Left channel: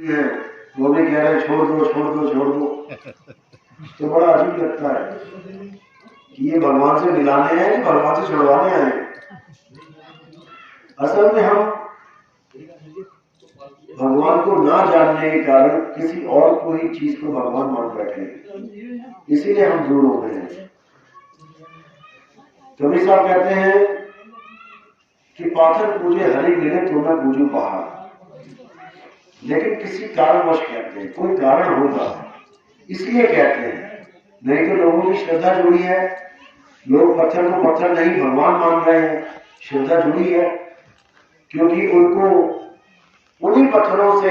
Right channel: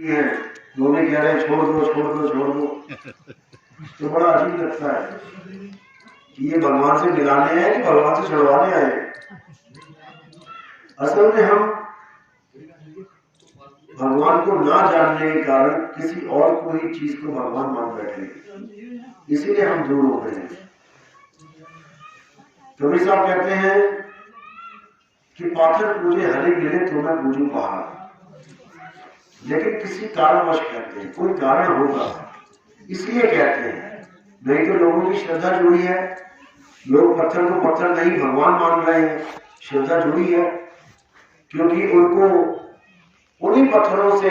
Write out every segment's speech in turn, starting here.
है वो भी कह रहे हैं छोड़ दो छोड़ दो छोड़ दो। तो बड़ा अजीब लगता है कि ये भगवान से मिलाने हैं कि भगवान से छुड़वाने आए हैं। असल में हम भगवान को ना जानने के कारण किसी और कोई चीज को भगवान मान बैठे, इसीलिए हम दूर हो गए हैं। कबीर साहब कहते हैं कि पाथर पूजे हरि मिले तो मैं पूजू पहाड़। लेकिन किसी कारणवश कहते हैं, कोई कारण होगा इसलिए कहते हैं, नहीं तो लोगों की श्रद्धा जुड़ी है। लोग पत्थर को पत्थर नहीं भगवान मान रहे हैं, श्रद्धा जुड़ी है, क्योंकि उनको उन्हीं पत्थरों से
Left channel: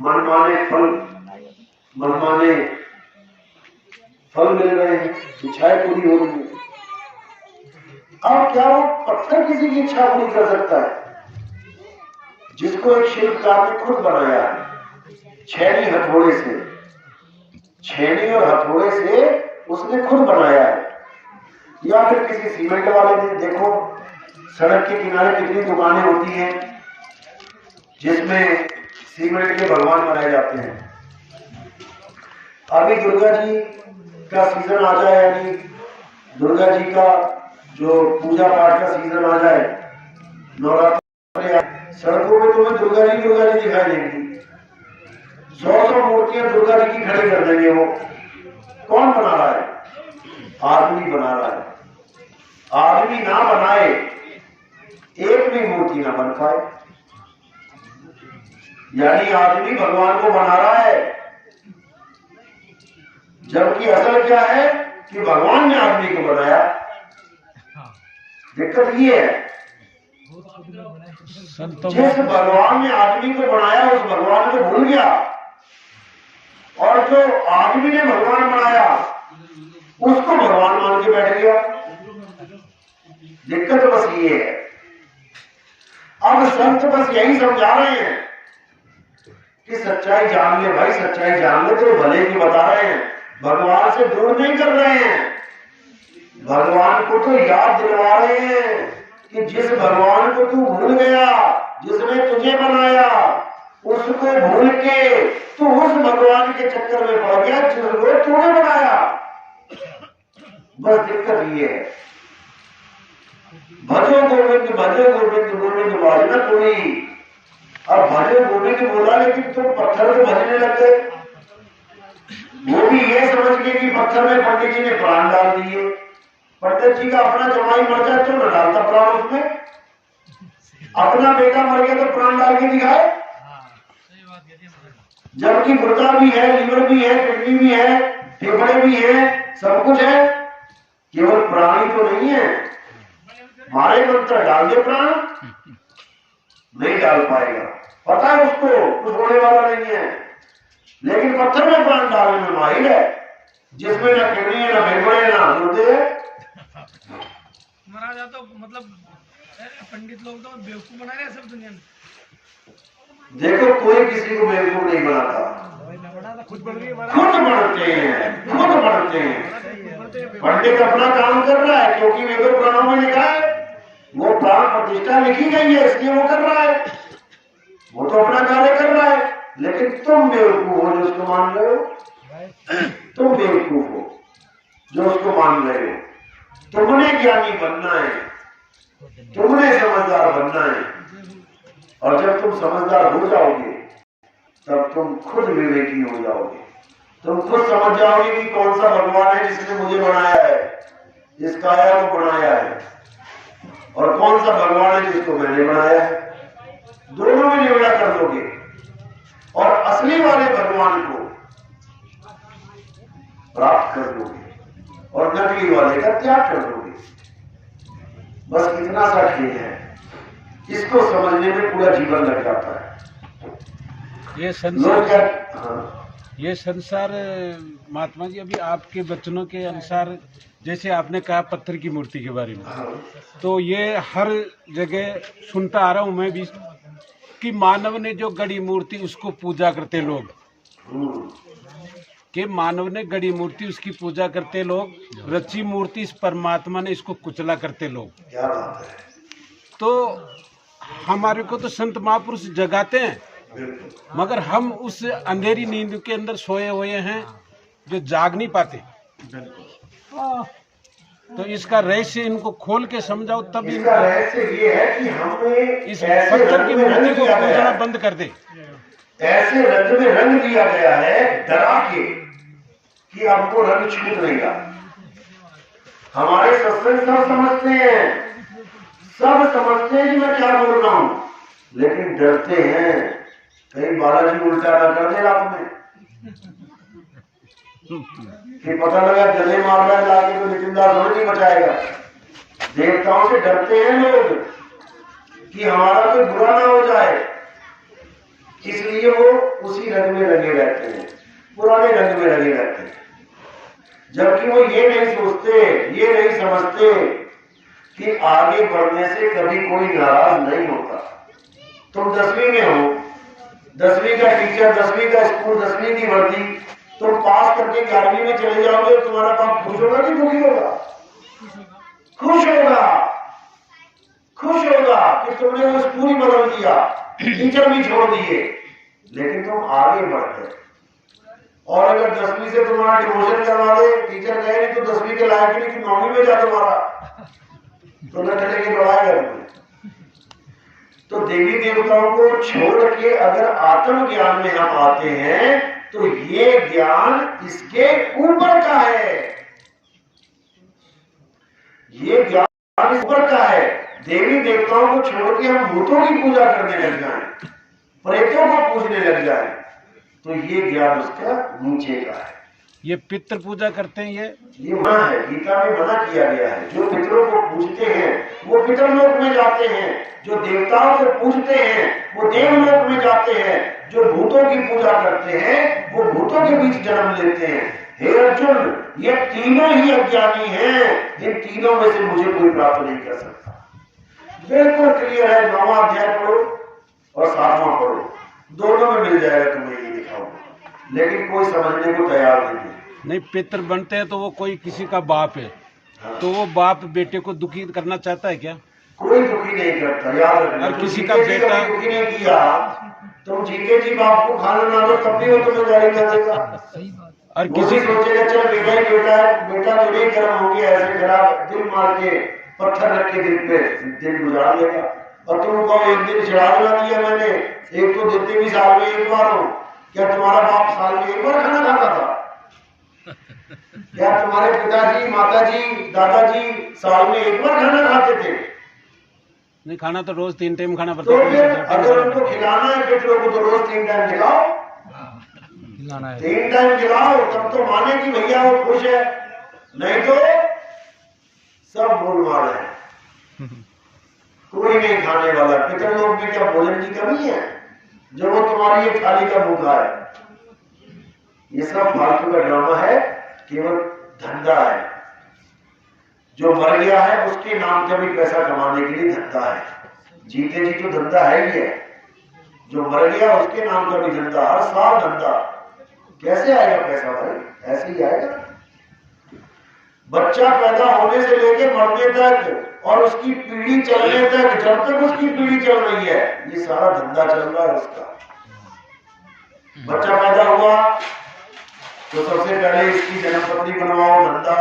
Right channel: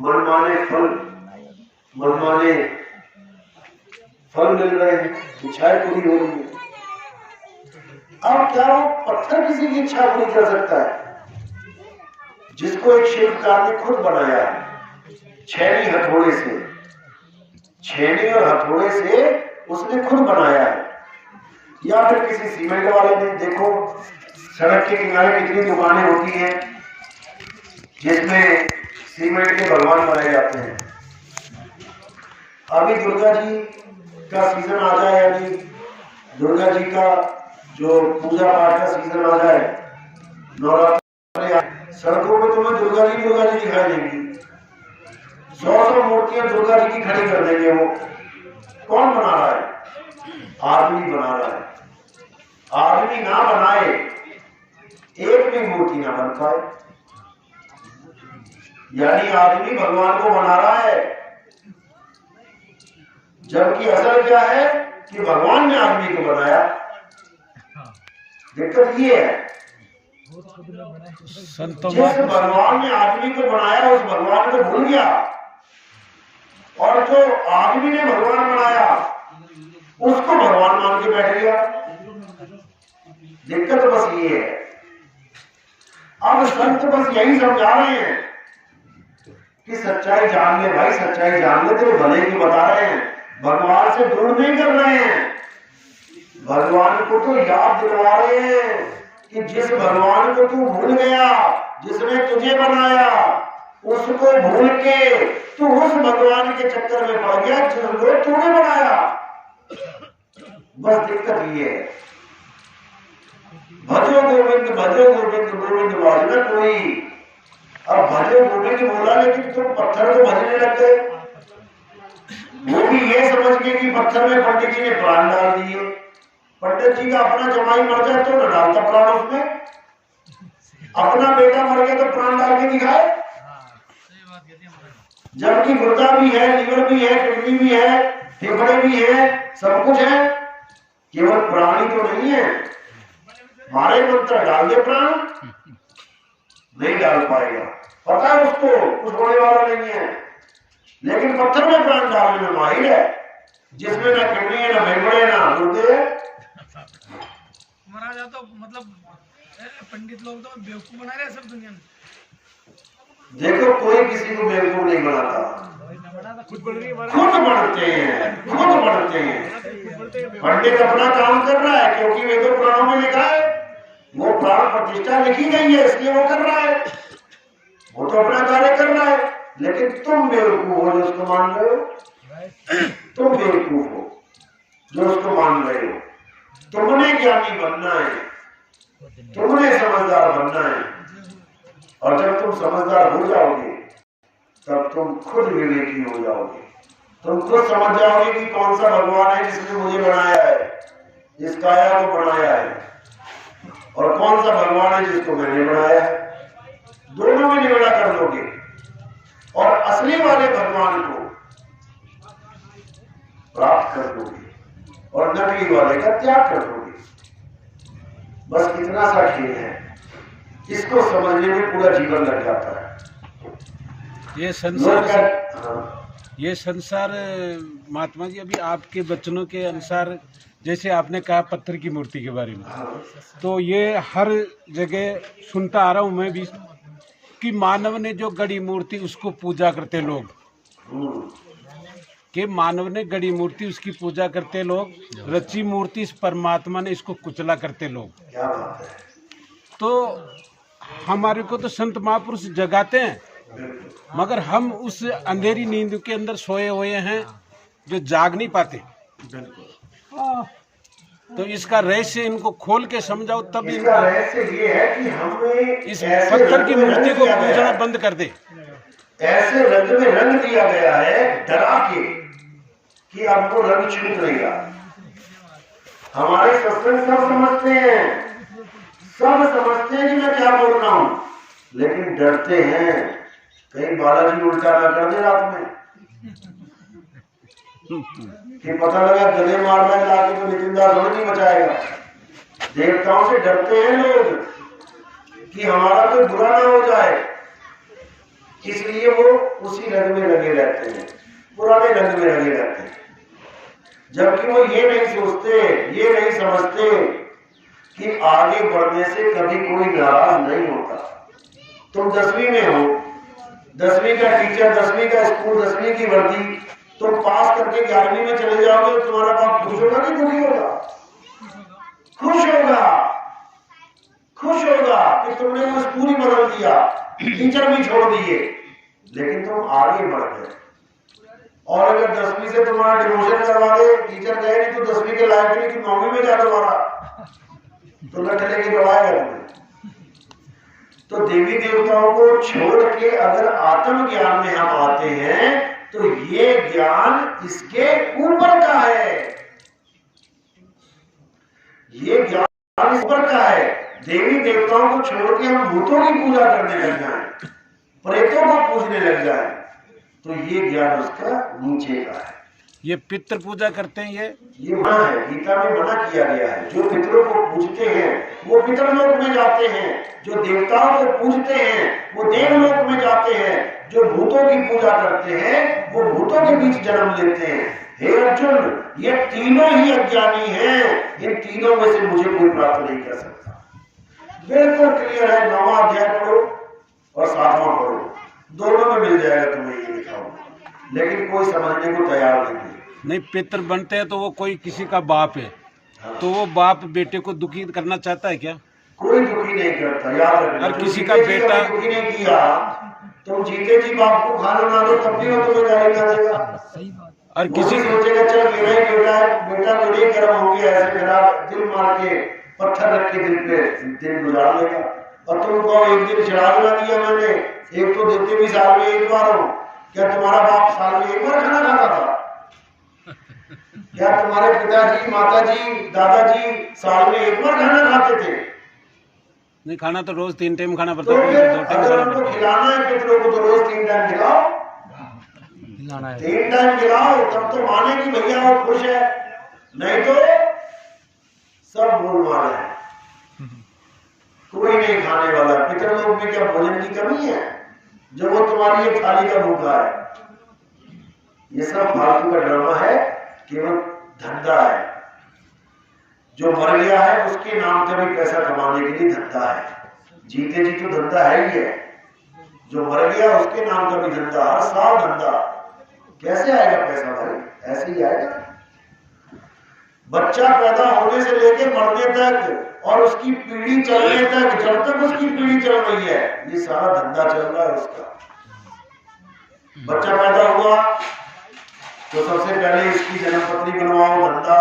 मनमाने फल मिल रहे हैं, इच्छाएं पूरी हो रही है। अब क्या पत्थर किसी की इच्छा पूरी कर सकता है? जिसको एक शिल्पकार ने खुद बनाया है, छेनी हथौड़े से, छेनी और हथौड़े से उसने खुद बनाया है। या फिर किसी सीमेंट वाले ने, देखो सड़क के किनारे कितनी दुकानें होती हैं जिसमें सीमेंट के भगवान बनाए जाते हैं। अभी दुर्गा जी का सीजन आ जाए, यानी दुर्गा जी का जो पूजा पाठ का सीजन आ जाए, नवरात्र, सड़कों में तुम्हें दुर्गा जी दिखाई देंगी। 100 मूर्तियां दुर्गा जी की खड़ी कर देंगे। वो कौन बना रहा है? आदमी बना रहा है। आदमी ना बनाए एक भी मूर्ति ना बन पाए, यानी आदमी भगवान को बना रहा है। जबकि असल क्या है कि भगवान ने आदमी को बनाया। दिक्कत ये है, जिस भगवान ने आदमी को बनाया उस भगवान को भूल गया, और जो आदमी ने भगवान बनाया उसको भगवान मान के बैठ गया। दिक्कत बस ये है। अब संत बस यही समझा रहे हैं कि सच्चाई जान ले भाई, सच्चाई जान ले, तो भले की बता रहे हैं, भगवान से दूर नहीं कर रहे हैं। भगवान को तो याद दिला रहे हैं कि जिस भगवान को तू भूल गया, जिसने तुझे बनाया, उसको भूल के तू उस भगवान के चक्कर में पड़ गया जिसको तूने बनाया। बस दिक्कत ये है। भजो गोविंद गोविंद बाजना कोई। अब भजो गोविंद बोला, लेकिन तुम पत्थर को भजने लग गए। वो भी ये समझ के कि पत्थर में पंडित जी ने प्राण डाल दिए। पंडित जी का अपना जमाई मर जाए तो न डालता प्राण उसमें, अपना बेटा मर गया तो प्राण डाल के दिखाए। जबकि गुर्दा भी है, लीवर भी है, किडनी भी है, फेफड़े भी है, सब कुछ है, केवल प्राण ही तो नहीं है। मारे मंत्र डाल दे प्राण, नहीं डाल पाएगा। पता है उसको कुछ होने वाला नहीं है, लेकिन पत्थर में प्राण डालने में माहिर है, जिसमें ना किडनी है, ना फेफड़े, ना गुर्दे है। महाराज तो मतलब पंडित लोग तो बेवकूफ बना रहे हैं सब दुनिया में। देखो कोई किसी को बेवकूफ नहीं बनाता, खुद बढ़ते हैं। पंडित अपना काम कर रहा है, क्योंकि वेदों पुराणों में लिखा है, वो प्राण प्रतिष्ठा लिखी गई है, इसलिए वो कर रहा है, वो तो अपना कार्य कर रहा है। लेकिन तुम बेवकूफ हो जो उसको मान रहे हो, तुम बेवकूफ हो जो उसको मान रहे हो। तुमने ज्ञानी बनना है, तुमने समझदार बनना है, और जब तुम समझदार हो जाओगे तब तुम खुद विवेकी हो जाओगे। तुम खुद समझ जाओगे कि कौन सा भगवान है जिसने मुझे बनाया है, इस काया को बनाया है, और कौन सा भगवान है जिसको मैंने बनाया है। दोनों में निवेड़ा कर दोगे, और असली वाले भगवान को प्राप्त कर दोगे, और नकली वाले का त्याग कर दोगे। बस इतना सा खेल है, इसको समझने में पूरा जीवन लग जाता है। ये संसार महात्मा जी, अभी आपके वचनों के अनुसार, जैसे आपने कहा पत्थर की मूर्ति के बारे में, तो ये हर जगह सुनता आ रहा हूं मैं भी कि मानव ने जो गढ़ी मूर्ति उसको पूजा करते लोग, कि मानव ने गढ़ी मूर्ति उसकी पूजा करते लोग, रची मूर्ति इस परमात्मा ने इसको कुचला करते लोग। क्या बात है। तो हमारे को तो संत महापुरुष जगाते हैं बिल्कुल। मगर हम उस अंधेरी नींद के अंदर सोए हुए हैं जो जाग नहीं पाते। बिल्कुल। तो इसका रहस्य इनको खोल के समझाओ तब इसका रहस्य ये है कि हमें इस ऐसे पत्थर रंग की में मूर्ति रंग को दिया गया पूजना है, बंद कर दे। ऐसे रंग में रंग दिया गया है डरा के कि आपको रंग छूट नहीं रहा। हमारे सत्संग सब समझते हैं, सब समझते हैं कि मैं क्या बोल रहा हूं, लेकिन डरते हैं कहीं बालाजी उल्टा ना कर दे रात में कि पता लगा गले मार रहा है लाके तो नितिन दास और नहीं बचाएगा। देवताओं से डरते हैं लोग कि हमारा कोई बुरा ना हो जाए, इसलिए वो उसी रंग में लगे रहते हैं, पुराने रंग में लगे रहते हैं। जबकि वो ये नहीं सोचते, ये नहीं समझते कि आगे बढ़ने से कभी कोई नाराज नहीं होता। तुम 10वीं में हो, 10वीं का टीचर, 10वीं का स्कूल, 10वीं की वर्दी, तुम पास करके 11वीं में चले जाओगे, तुम्हारा बाप खुश होगा कि दुखी होगा? खुश होगा, खुश होगा कि तुमने वो स्कूल ही बदल दिया, टीचर भी छोड़ दिए, लेकिन तुम आगे बढ़ गए। और अगर 10वीं से तुम्हारा डिमोशन करवा दे, टीचर कहे नहीं तो 10वीं के लायक नहीं, तुम 9वीं में जा तुम्हारा तो लट लेके बढ़ाएगा तुम्हें। तो देवी देवताओं को छोड़ के अगर आत्म ज्ञान में हम आते हैं तो ये ज्ञान इसके ऊपर का है, ये ज्ञान ऊपर का है। देवी देवताओं को छोड़ के हम भूतों की पूजा करने लग जाएं, प्रेतों को पूजने लग जाएं, तो ये ज्ञान उसका नीचे का है। ये पितृ पूजा करते हैं, ये मना है, गीता में मना किया गया है। जो पितरों को पूजते हैं वो पितरलोक में जाते हैं, जो देवताओं को पूजते हैं वो देवलोक में जाते हैं, जो भूतों की पूजा करते हैं वो भूतों के बीच जन्म लेते हैं। हे अर्जुन, ये तीनों ही अज्ञानी हैं, इन तीनों में से मुझे कोई प्राप्त नहीं कर सकता। बिल्कुल क्लियर है। 9वां अध्याय पढ़ो और 7वां पढ़ो, दोनों में मिल जाएगा तुम्हें, ये लिखा हुआ, लेकिन कोई समझने को तैयार नहीं है। नहीं पितृ बनते हैं तो वो कोई किसी का बाप है, तो वो बाप बेटे को दुखी करना चाहता है क्या? कोई दुखी नहीं करता, याद रखना। और किसी का बेटा दुखी नहीं किया, तुम जीते जी बाप को खाना ना दो तब भी वो तुम्हें गाली ना देगा। और किसी सोचेगा चल मेरा ही बेटा है, बेटा मेरे ही गर्म हो गया, ऐसे खराब दिल मार के पत्थर रख के दिल पे दिन गुजार लेगा। और तुम कहो एक दिन श्राद्ध ना किया मैंने, एक तो देते भी साल में एक बार हो, क्या तुम्हारा बाप साल में एक बार खाना खाता था? क्या तुम्हारे पिताजी, माताजी, दादाजी साल में एक बार खाना खाते थे? नहीं, खाना तो रोज 3 टाइम खाना पड़ता तो है। फिर अगर उनको खिलाना है पितरों को तो रोज 3 टाइम खिलाओ, 3 टाइम खिलाओ, तब तो माने कि भैया वो खुश है, नहीं तो सब गोलमाल है, कोई नहीं खाने वाला। पितरलोक में क्या भोजन की कमी है जो वो तुम्हारी एक थाली का भूखा है? ये सब फालतू का ड्रामा है, केवल धंधा है। जो मर गया है उसके नाम का भी पैसा कमाने के लिए धंधा है, जीते जी तो धंधा है ही है, जो मर गया उसके नाम का भी धंधा, हर साल धंधा। कैसे आएगा पैसा भाई? ऐसे ही आएगा। बच्चा पैदा होने से लेकर मरने तक और उसकी पीढ़ी चलने तक, जब तक उसकी पीढ़ी चल रही है, ये सारा धंधा चल रहा है उसका। बच्चा पैदा हुआ तो सबसे पहले इसकी जन्मपत्री बनवाओ, धंधा,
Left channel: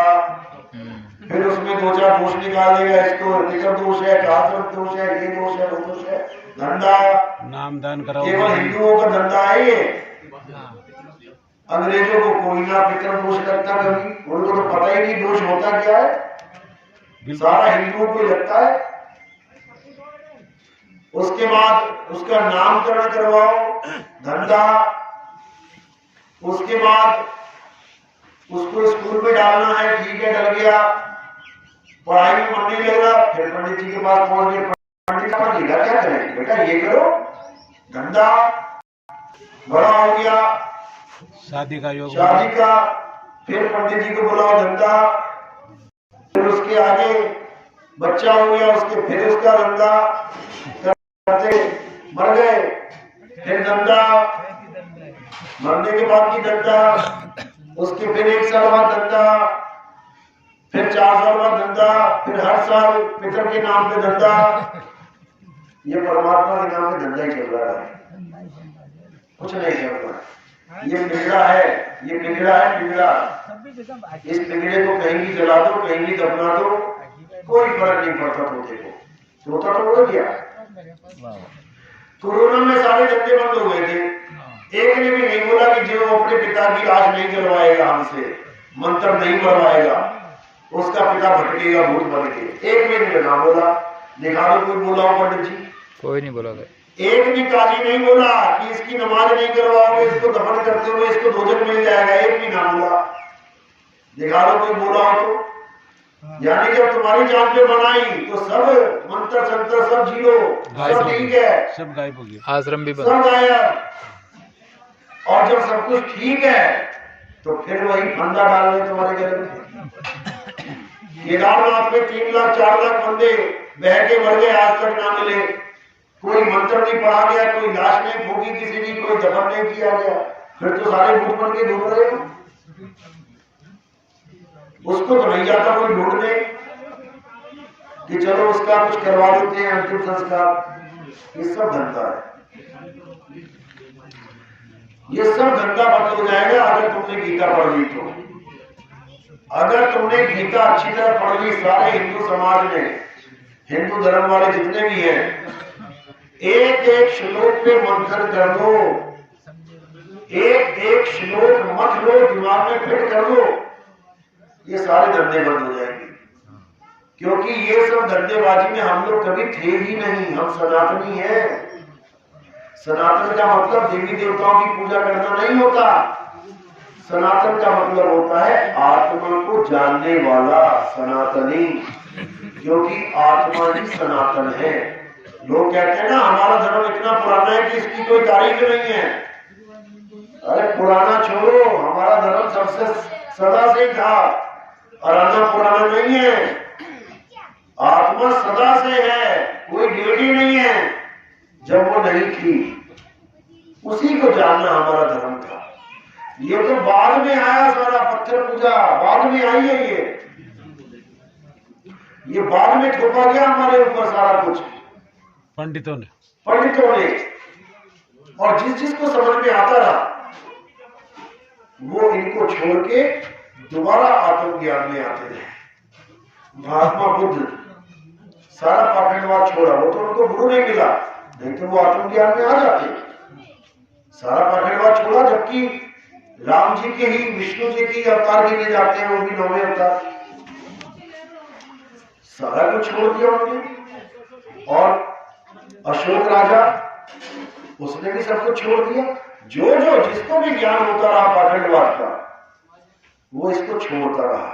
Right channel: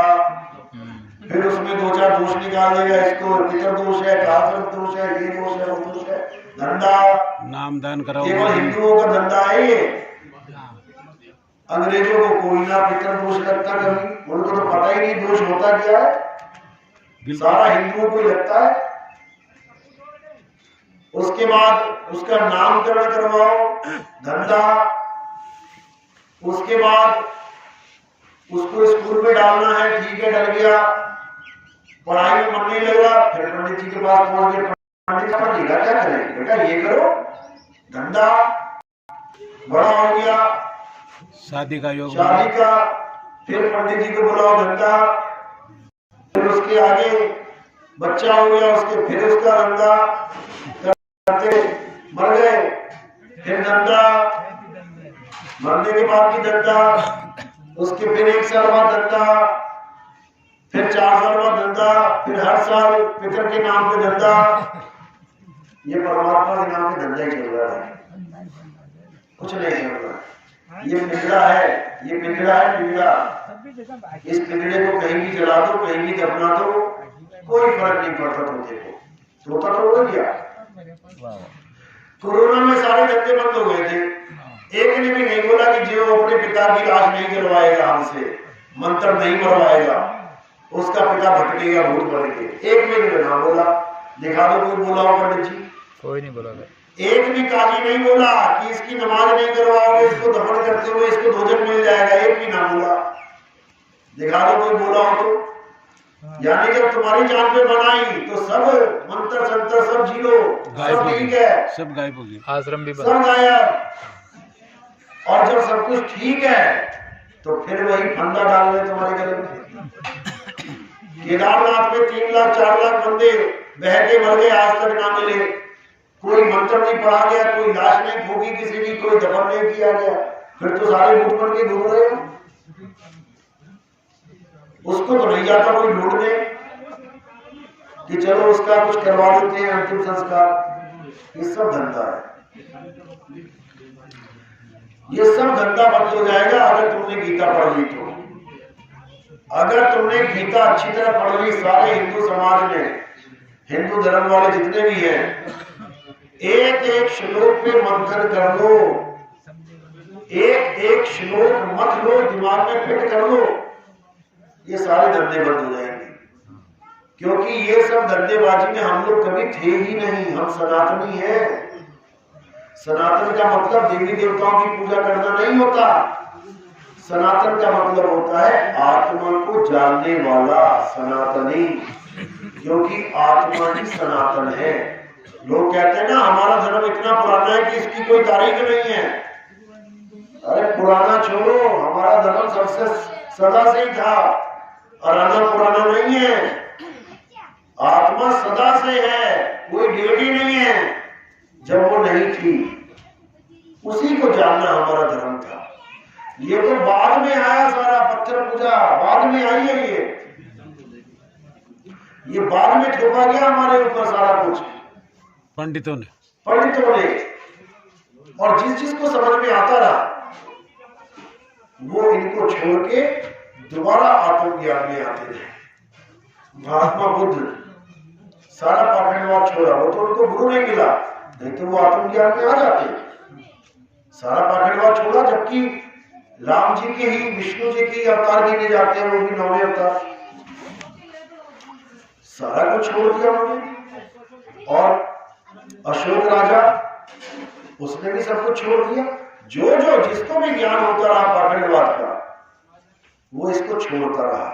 फिर उसमें 2-4 दोष निकाल देगा, इसको पितर दोष है, कातरक दोष है, ये दोष है, वो दोष है, धंधा। नाम दान कराओ। केवल हिंदुओं का धंधा है ये, अंग्रेजों को कोई ना पितर दोष लगता कभी, उनको तो पता ही नहीं दोष होता क्या है, सारा हिंदुओं को ही लगता है। उसके बाद उसका नामकरण करवाओ, धंधा। उसके बाद उसको स्कूल में डालना है, ठीक है, डल गया, पढ़ाई में मन नहीं लगा, फिर पंडित जी के पास पहुंच गए, पंडित साहब लिखा क्या करें बेटा, ये करो, धंधा। बड़ा हो गया, शादी का योग, शादी का, फिर पंडित जी को बुलाओ, धंधा। फिर उसके आगे बच्चा हो गया, उसके फिर उसका धंधा करते, मर गए, फिर धंधा, मरने के बाद भी धंधा, उसके फिर 1 साल बाद धंधा, फिर 4 साल बाद धंधा, फिर हर साल पितर के नाम पे धंधा। ये परमात्मा के नाम पे धंधा ही चल रहा है। कुछ नहीं करना। ये पिंजरा है, ये पिंजरा है, पिंजरा। इस पिंजरे को कहीं भी जला दो, कहीं भी दफना दो, कोई फर्क नहीं पड़ता तोते को। तोता तो उड़ गया। कोरोना में सारे धंधे बंद हो गए थे। एक ने भी नहीं बोला कि जो अपने पिता की लाश नहीं जलवाएगा, हमसे मंत्र नहीं मरवाएगा, उसका पिता भटकेगा भूत बन के। एक ने ना बोला। दिखा दो कोई बोला हो पंडित जी? कोई नहीं बोला। एक भी काजी नहीं बोला कि इसकी नमाज नहीं करवाओगे, इसको दफन करते हुए इसको भोजन मिल जाएगा। एक भी ना बोला। दिखा दो कोई बोला हो तो। यानी जब तुम्हारी जान पे बनाई तो सब मंत्र संतर सब जीरो, सब ठीक है, सब गायब हो गया, आश्रम भी सब गायब। और जब सब कुछ ठीक है तो फिर वही फंदा डाल रहे तुम्हारे गले में। केदारनाथ में 3 लाख 4 लाख बंदे बह के मर गए, आज तक ना मिले। कोई मंत्र नहीं पढ़ा गया, कोई लाश नहीं फूकी किसी की, कोई दफन नहीं किया गया। फिर तो सारे भूत बन के घूम रहे हो। उसको तो नहीं जाता कोई ढूंढने कि चलो उसका कुछ करवा देते हैं अंतिम संस्कार। ये सब धंधा है, ये सब धंधा बंद हो जाएगा अगर तुमने गीता पढ़ ली तो। अगर तुमने गीता अच्छी तरह पढ़ ली, सारे हिंदू समाज में, हिंदू धर्म वाले जितने भी हैं, एक एक श्लोक पे मंथन कर दो, एक एक श्लोक मत लो, दिमाग में फिट कर दो, ये सारे धंधे बंद हो जाएंगे। क्योंकि ये सब धंधेबाजी में हम लोग कभी थे ही नहीं। हम सनातनी हैं। सनातन का मतलब देवी देवताओं की पूजा करना नहीं होता। सनातन का मतलब होता है आत्मा को जानने वाला सनातनी, क्योंकि आत्मा ही सनातन है। लोग कहते हैं ना हमारा धर्म इतना पुराना है कि इसकी कोई तारीख नहीं है। अरे पुराना छोड़ो, हमारा धर्म सबसे सदा से ही था। पुराना पुराना नहीं है, आत्मा सदा से है, कोई डेट ही नहीं है जब वो नहीं थी। उसी को जानना हमारा धर्म था। ये तो बाद में आया, सारा पत्थर पूजा बाद में आई है। ये बाद में थोपा गया हमारे ऊपर सारा कुछ पंडितों ने। और जिस जिसको समझ में आता रहा वो इनको छोड़ के दोबारा आत्मज्ञान में आते रहे। महात्मा बुद्ध सारा पाखंडवाद छोड़ा, वो तो उनको गुरु नहीं मिला, नहीं तो वो आत्मज्ञान में आ जाते। सारा पाखंडवाद छोड़ा, जबकि राम जी के ही, विष्णु जी की अवतार गिने जाते हैं, वो भी 9वें अवतार। सारा कुछ छोड़ दिया उन्होंने। और अशोक राजा, उसने भी सब कुछ छोड़ दिया। जो जो जिसको भी ज्ञान होता रहा पाखंडवाद का, वो इसको छोड़ता रहा।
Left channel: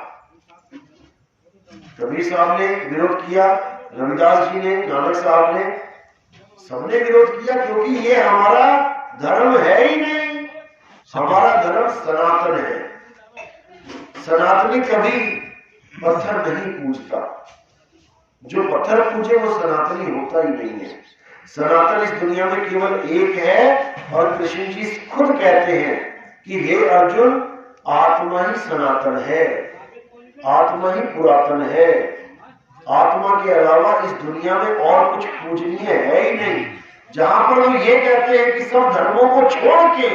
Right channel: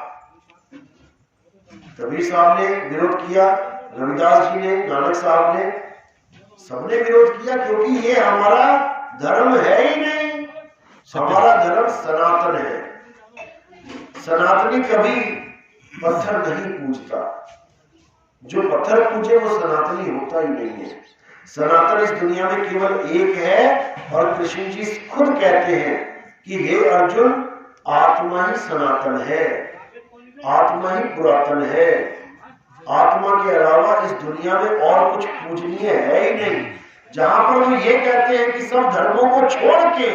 कबीर साहब ने विरोध किया, रविदास जी ने, नानक साहब ने, सबने विरोध किया, क्योंकि ये हमारा धर्म है ही नहीं। हमारा धर्म सनातन है। सनातनी कभी पत्थर नहीं पूजता। जो पत्थर पूजे वो सनातनी होता ही नहीं है। सनातन इस दुनिया में केवल एक है। और कृष्ण जी खुद कहते हैं कि हे अर्जुन, आत्मा ही सनातन है, आत्मा ही पुरातन है। आत्मा के अलावा इस दुनिया में और कुछ पूजनीय है ही नहीं। जहां पर हम ये कहते हैं कि सब धर्मों को छोड़ के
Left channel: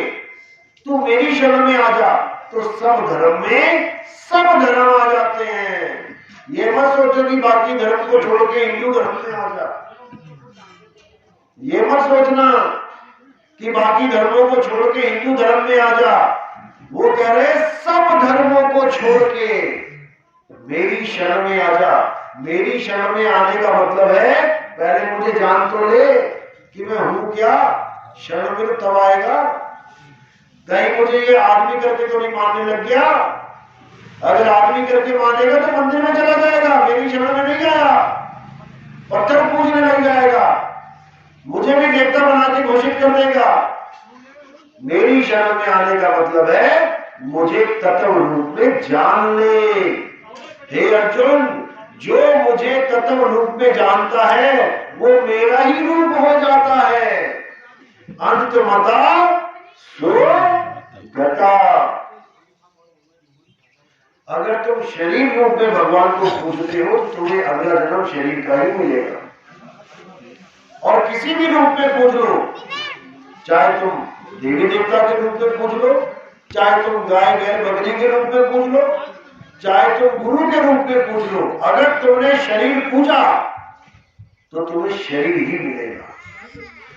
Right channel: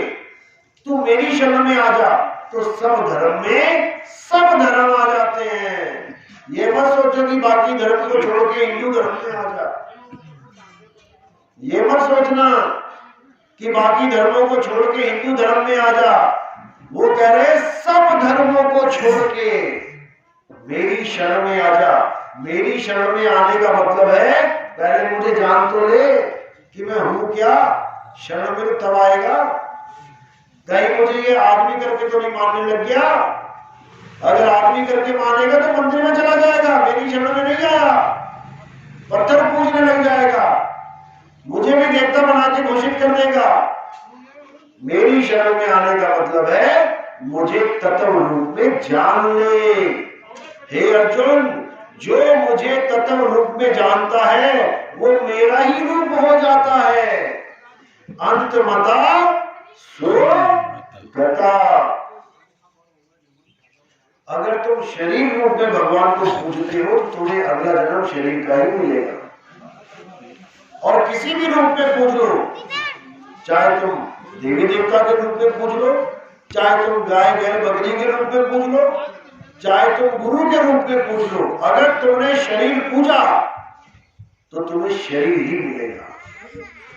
तू मेरी शरण में आ जा, तो सब धर्म में सब धर्म आ जाते हैं। ये मत सोचो कि बाकी धर्म को छोड़ के हिंदू धर्म में आ जा। ये मत सोचना कि बाकी धर्मों को छोड़ के हिंदू धर्म में आ जा। वो कह रहे सब धर्मों को छोड़ के मेरी शरण में आ जा। मेरी शरण में आने का मतलब है पहले मुझे जान तो ले कि मैं हूं क्या। शरण में तो तब आएगा, कहीं मुझे ये आदमी करके तो नहीं मानने लग गया। अगर आदमी करके मानेगा तो मंदिर में चला जाएगा, मेरी शरण में नहीं आया, पत्थर पूजने लग जाएगा, मुझे भी देवता बना के घोषित कर देगा। मेरी शरण में आने का मतलब है मुझे तत्व रूप में जान ले। हे अर्जुन, जो मुझे तत्व रूप में जानता है वो मेरा ही रूप हो जाता है। अंतमता सो गता। अगर तुम शरीर रूप में भगवान को पूजते हो तो तुम्हें अगला जन्म शरीर का ही मिलेगा। और किसी भी रूप में पूज लो, चाहे तुम देवी देवता के रूप में पूज लो, चाहे तुम गाय गाय बकरी के रूप में पूज लो, चाहे तुम गुरु के रूप में पूज लो। अगर तुमने शरीर पूजा तो तुम्हें शरीर ही मिलेगा,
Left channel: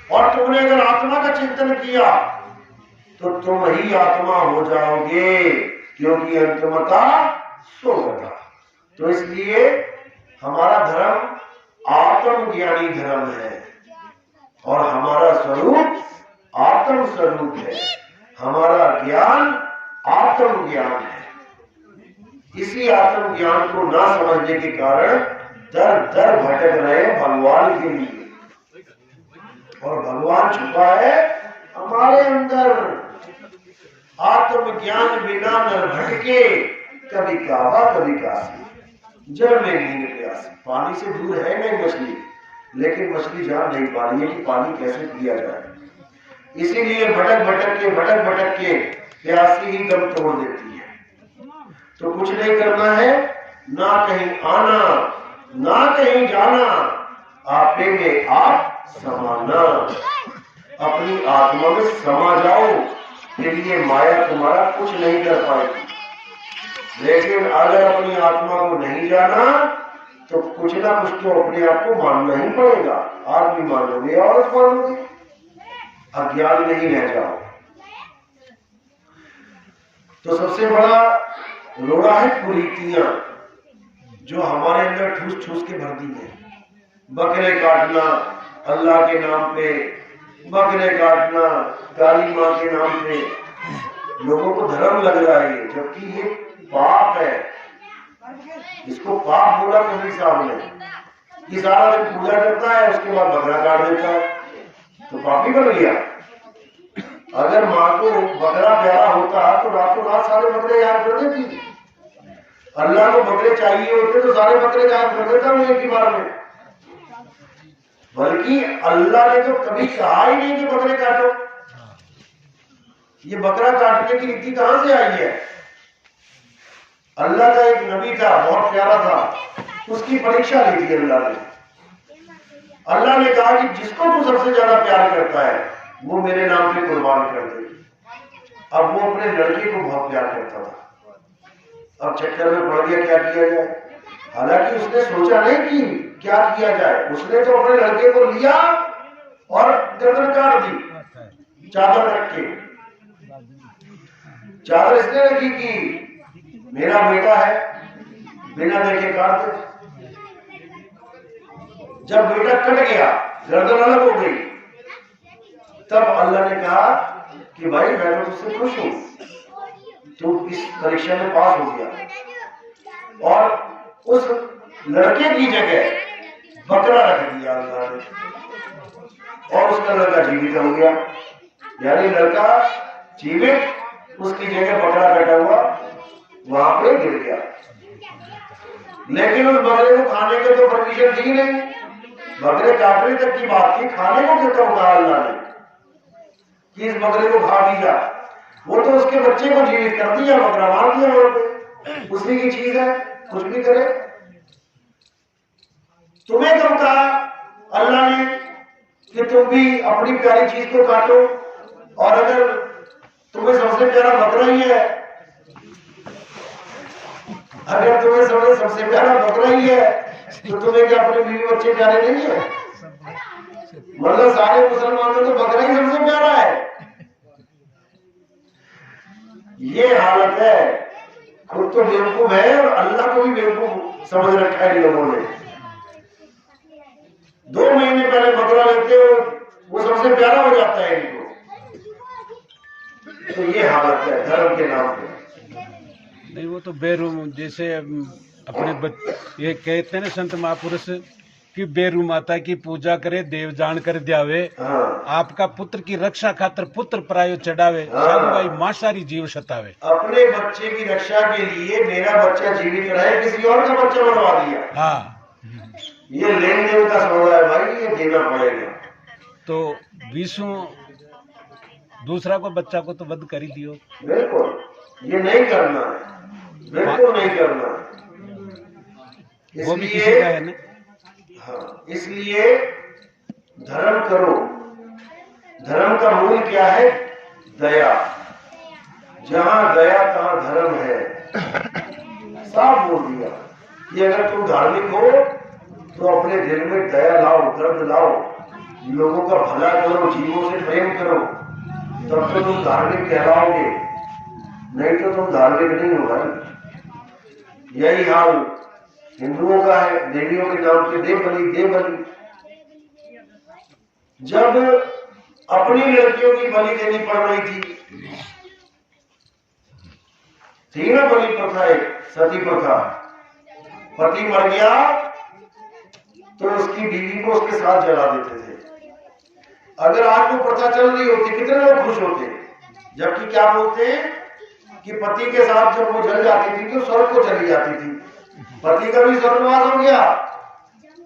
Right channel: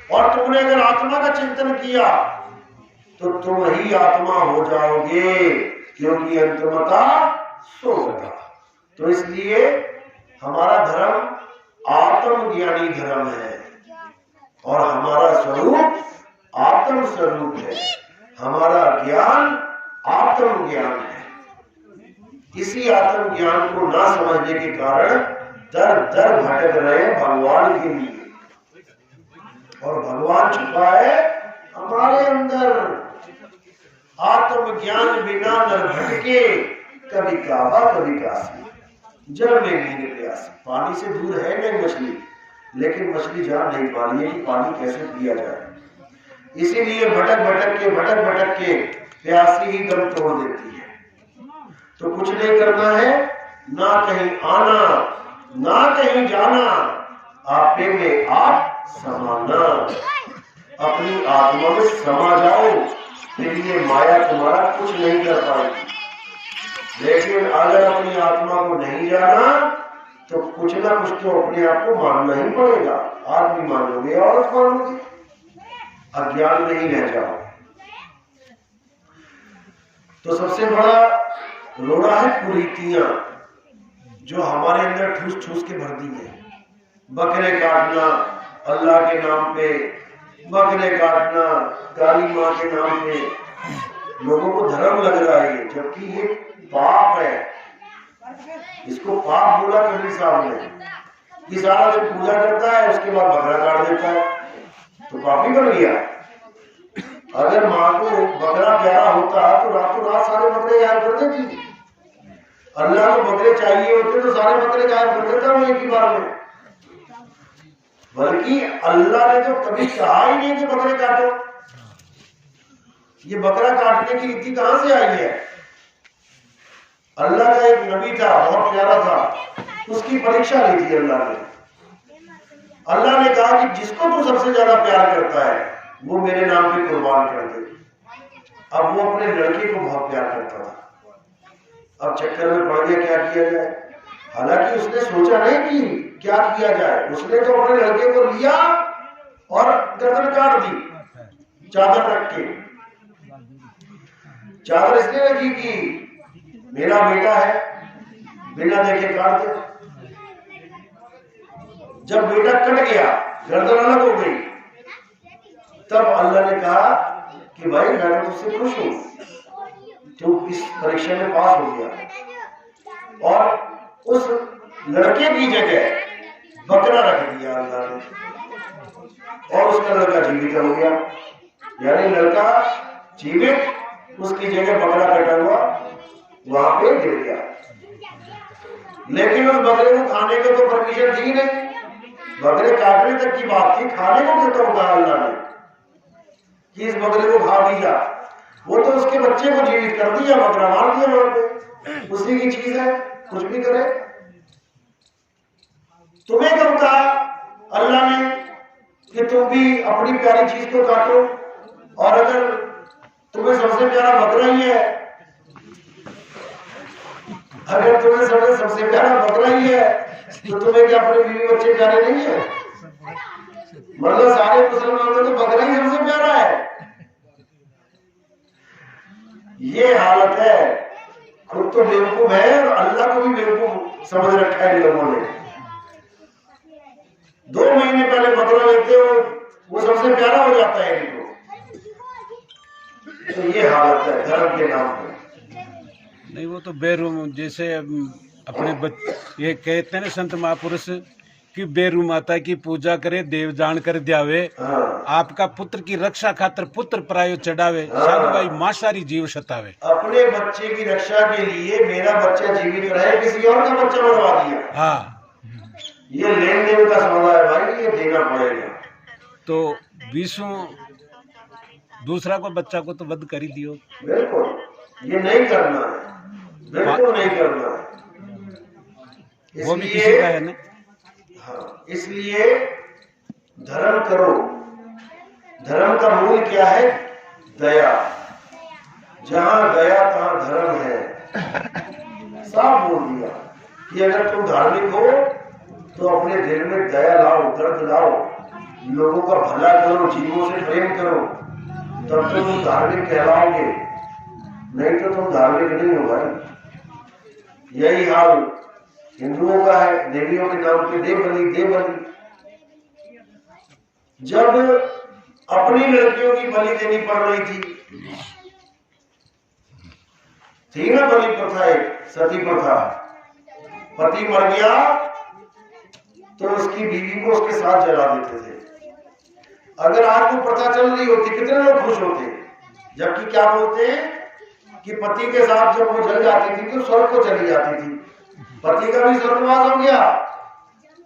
और तुमने अगर आत्मा का चिंतन किया तो तुम ही आत्मा हो जाओगे, क्योंकि अंतमता सोगता। तो इसलिए हमारा धर्म आत्मज्ञानी धर्म है, और हमारा स्वरूप आत्म स्वरूप है, हमारा ज्ञान आत्म ज्ञान है। इसी आत्म ज्ञान को ना समझने के कारण दर दर भटक रहे भगवान के लिए, और भगवान छुपा है हमारे अंदर। आत्म ज्ञान बिना नर भटके, कभी काबा कभी काशी, जल में नींद प्यासी। पानी से दूर है नहीं मछली, लेकिन मछली जान नहीं पा रही है कि पानी कैसे पिया जाए, इसीलिए भटक भटक के प्यासी ही दम तोड़ देती है। तो कुछ नहीं करना है, ना कहीं आना ना कहीं जाना, आपे में आप समाना। अपनी आत्मा में समा जाओ, फिर ये माया तुम्हारा कुछ नहीं कर पाएगी। लेकिन अगर अपनी आत्मा को नहीं जाना तो कुछ ना कुछ तो अपने आप को मानना ही पड़ेगा। आदमी मानोगे, औरत मानोगे, अज्ञान में ही रह जाओ। तो सबसे बड़ा रोड़ा है कुरीतियां, जो हमारे अंदर ठूस ठूस के भर दी है। बकरे काटना अल्लाह के नाम पे, बकरे काटना काली माँ के नाम पे, लोगों को धर्म लग रहा है, जबकि ये पाप है। इसको पाप बोला कबीर साहब ने, कि सारा दिन पूजा करता है, उसके बाद बकरा काट देता है, तो पापी बन गया। अगर माँ को बकरा प्यारा होता तो रातों रात सारे बकरे गायब कर देती। अल्लाह को बकरे चाहिए होते तो सारे बकरे गायब कर देता वो एक ही बार में। बल्कि अल्लाह ने तो कभी कहा ही नहीं कि बकरे काटो। ये बकरा काटने की रीति कहां से आई है? अल्लाह का एक नबी था, बहुत प्यारा था, उसकी परीक्षा ली थी अल्लाह ने। अल्लाह ने कहा कि जिसको तू सबसे ज्यादा प्यार करता है वो मेरे नाम पे कुर्बान कर दे। अब वो अपने लड़के को बहुत प्यार करता था, अब चक्कर में पड़ गया क्या किया जाए। हालांकि उसने सोचा नहीं कि क्या किया जाए, उसने तो अपने लड़के को लिया और गर्दन काट दी चादर रख के। चादर इसने रखी कि मेरा बेटा है, बिना देखे काट दे। जब बेटा कट गया, गर्दन अलग हो गई, तब अल्लाह ने कहा कि भाई मैं तो तुझसे खुश हूं, तू इस परीक्षा में पास हो गया। और उस लड़के की जगह बकरा रख दिया अल्लाह ने, और उसका लड़का जीवित हो गया। यानी लड़का जीवित, उसकी जगह बकरा कटा हुआ वहां पे गिर गया। लेकिन उस बकरे को खाने के तो परमिशन थी नहीं, बकरे काटने तक की बात थी, खाने को क्यों कहा अल्लाह ने कि इस बकरे को खा भी जा। वो तो उसके बच्चे को जीवित कर दिया, बकरा मार दिया वहां पे, उसी की चीज है, कुछ भी करे। तुम्हें कब कहा अल्लाह ने कि तुम भी अपनी प्यारी चीज को काटो? और अगर तुम्हें सबसे प्यारा बकरा ही है, अगर तुम्हें सबसे प्यारा बकरा ही है तो तुम्हें क्या अपने बीवी बच्चे प्यारे नहीं है? मतलब सारे मुसलमानों में तो बकरा ही सबसे प्यारा है। ये हालत है, खुद तो बेवकूफ है और अल्लाह को भी बेवकूफ समझ रखा है इन लोगों ने। 2 महीने पहले बकरा लेते हो, वो सबसे प्यारा हो जाता है इनको। तो ये हालत है धर्म के नाम पे। नहीं, वो तो बेरूम, जैसे अपने ये कहते हैं ना संत महापुरुष कि बेरू माता की पूजा करे देव जान कर द्यावे। हाँ। आपका पुत्र की रक्षा खातर पुत्र प्रायो चढ़ावे। हाँ। साधु भाई मां सारी जीव सतावे। अपने बच्चे की रक्षा के लिए मेरा बच्चा जीवित रहे, किसी और का बच्चा मरवा दिया। हाँ, ये लेन देन का सौदा है भाई, ये देना पड़ेगा। तो विष्णु दूसरा को बच्चा को तो वध कर ही दियो। बिल्कुल, ये नहीं करना है, बिल्कुल नहीं करना है। वो भी किसी का है ना। हाँ, इसलिए धर्म करो। धर्म का मूल क्या है? दया, जहां गया तहां धर्म है। साफ बोल दिया कि अगर तुम धार्मिक हो तो अपने दिल में दया लाओ, दर्द लाओ, लोगों का भला करो, जीवों से प्रेम करो, तब तो तुम धार्मिक कहलाओगे, नहीं तो तुम धार्मिक नहीं हो भाई। यही हाल हिंदुओं का है, देवियों के नाम पे दे बलि दे बलि। जब अपनी लड़कियों की बलि देनी पड़ रही थी ना बलि प्रथा, एक सती प्रथा, पति मर गया तो उसकी बीवी को उसके साथ जला देते थे। अगर आज वो प्रथा चल रही होती कितने लोग खुश होते, जबकि क्या बोलते हैं कि पति के साथ जब वो जल जाती थी तो स्वर्ग को चली जाती थी। पति का भी स्वर्गवास हो गया,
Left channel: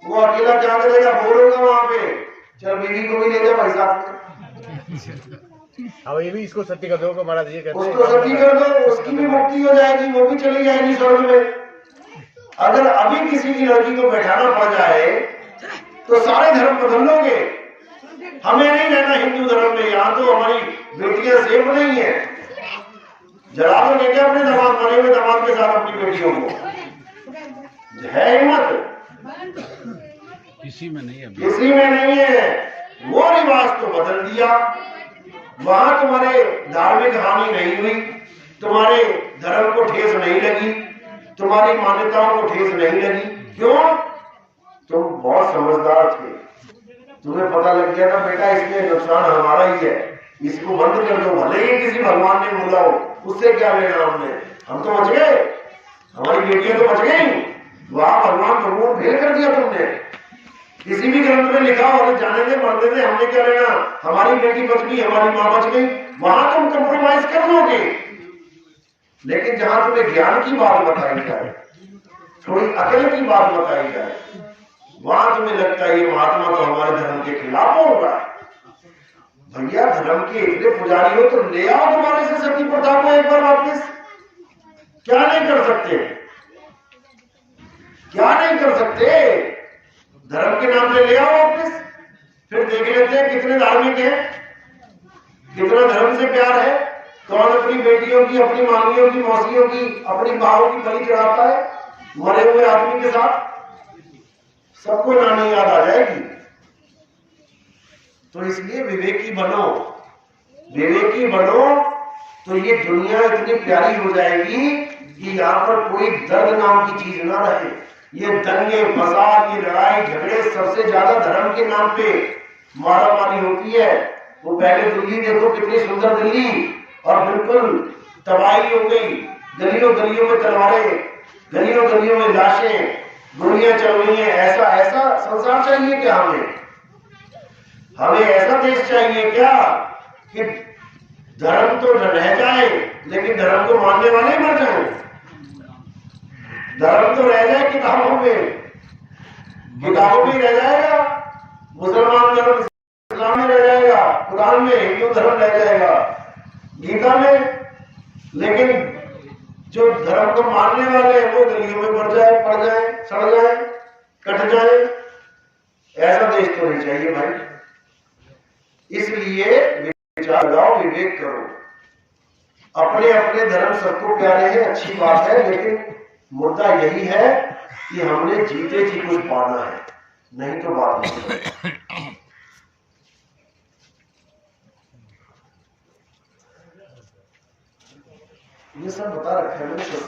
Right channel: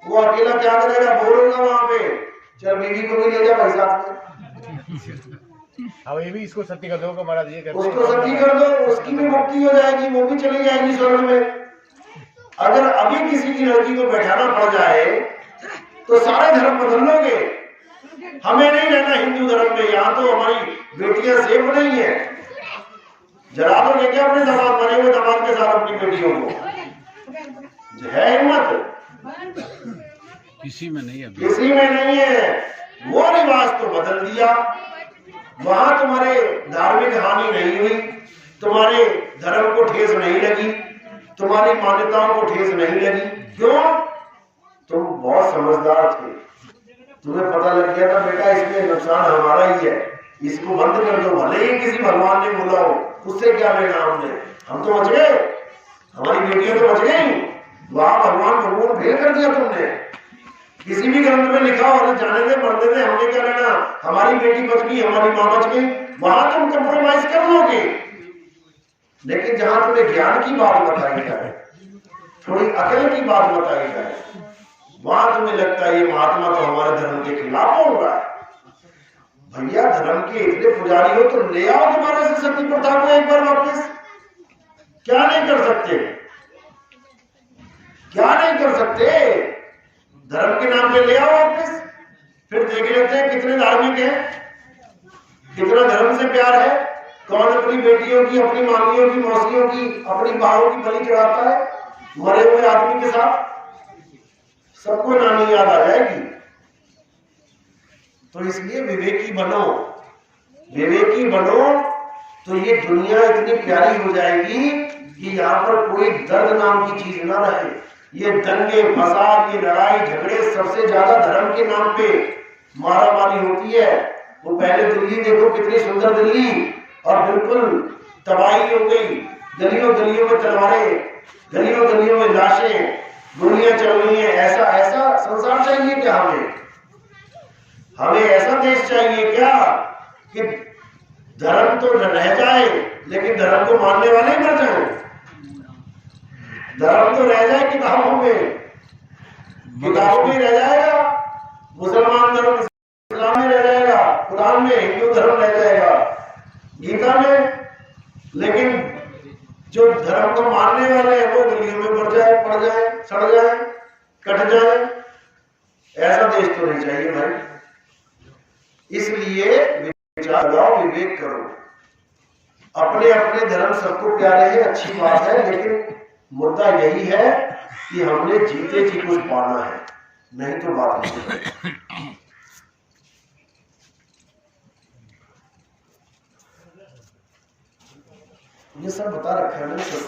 वो अकेला क्या करेगा, बोर होगा वहां पे, चल बीवी को भी ले जा भाई साथ में। अब ये भी इसको सत्य कर दो, महाराज ये उसको सती कर दो, उसकी भी मुक्ति हो जाएगी, वो भी चली जाएगी स्वर्ग में। अगर अभी किसी की लड़की को बैठाना पड़ जाए तो सारे धर्म बदल लोगे। हमें नहीं रहना हिंदू धर्म में, यहाँ तो हमारी बेटियां सेफ नहीं है। जला दोगे क्या अपने दामाद, मरे हुए दामाद के साथ अपनी बेटियों को? है हिम्मत? किसी में नहीं है, किसी में नहीं है। वो रिवाज तो बदल दिया, वहां तुम्हारे धार्मिक हानि नहीं हुई, तुम्हारे धर्म को ठेस नहीं लगी, तुम्हारी मान्यताओं को ठेस नहीं लगी। क्यों? तुम बहुत समझदार थे, तुम्हें पता लग गया था बेटा इसमें नुकसान हमारा ही है, इसको बंद कर दो, भले ही किसी भगवान ने बोला हो, उससे क्या लेना हमने, हम तो बच गए, हमारी बेटियां तो बच गई। वहां भगवान फेल कर दिया तुमने। किसी भी ग्रंथ में लिखा हो जाने दे, मरने दे, हमने क्या लेना, हमारी बेटी बच गई, हमारी माँ बच गई, वहां तुम कंप्रोमाइज कर लोगे। लेकिन जहां तुम्हें ज्ञान की बात बताई जाए, थोड़ी अकल की बात बताई जाए, वहां तुम्हें लगता है ये महात्मा तो हमारे धर्म के खिलाफ बोल रहा है। भैया धर्म के इतने पुजारी हो तो ले आओ तुम्हारे से सती प्रथा को एक बार वापस। क्या नहीं कर सकते, क्या नहीं कर सकते? धर्म के नाम पे ले आओ वापस, फिर देख लेते हैं कितने धार्मिक हैं, कितना धर्म से प्यार है, कौन अपनी बेटियों की, अपनी मामियों की, मौसियों की, अपनी माओं की बलि चढ़ाता है मरे हुए आदमी के साथ। सबको नानी याद आ जाएगी। तो इसलिए विवेकी बनो, विवेकी बनो तो ये दुनिया इतनी प्यारी हो जाएगी कि यहाँ पर कोई दर्द नाम की चीज ना रहे। ये दंगे फसाद, ये लड़ाई झगड़े, सबसे ज्यादा धर्म के नाम पे मारामारी होती है। वो पहले दिल्ली देखो, कितनी सुंदर दिल्ली, और बिल्कुल तबाही हो गई, गलियों गलियों में तलवारें, गलियों गलियों में लाशें, गोलियां चल रही हैं। ऐसा ऐसा संसार चाहिए क्या हमें? हमें ऐसा देश चाहिए क्या कि धर्म तो रह जाए लेकिन धर्म को मानने वाले ही मर जाए? धर्म तो रह जाए किताबों में, किताबों में रह जाएगा, मुसलमान धर्म इस्लाम में रह जाएगा, कुरान में हिंदू धर्म रह जाएगा, गीता में, लेकिन जो धर्म को मानने वाले हैं वो गलियों में मर जाए, पड़ जाए, सड़ जाए, कट जाए। ऐसा देश तो नहीं चाहिए भाई। इसलिए विचार लगाओ, विवेक करो। अपने अपने धर्म सबको प्यारे हैं, अच्छी बात है, लेकिन मुद्दा यही है कि हमने जीते जी कुछ पाना है, नहीं तो बात नहीं। ये सब बता रखा है मैंने।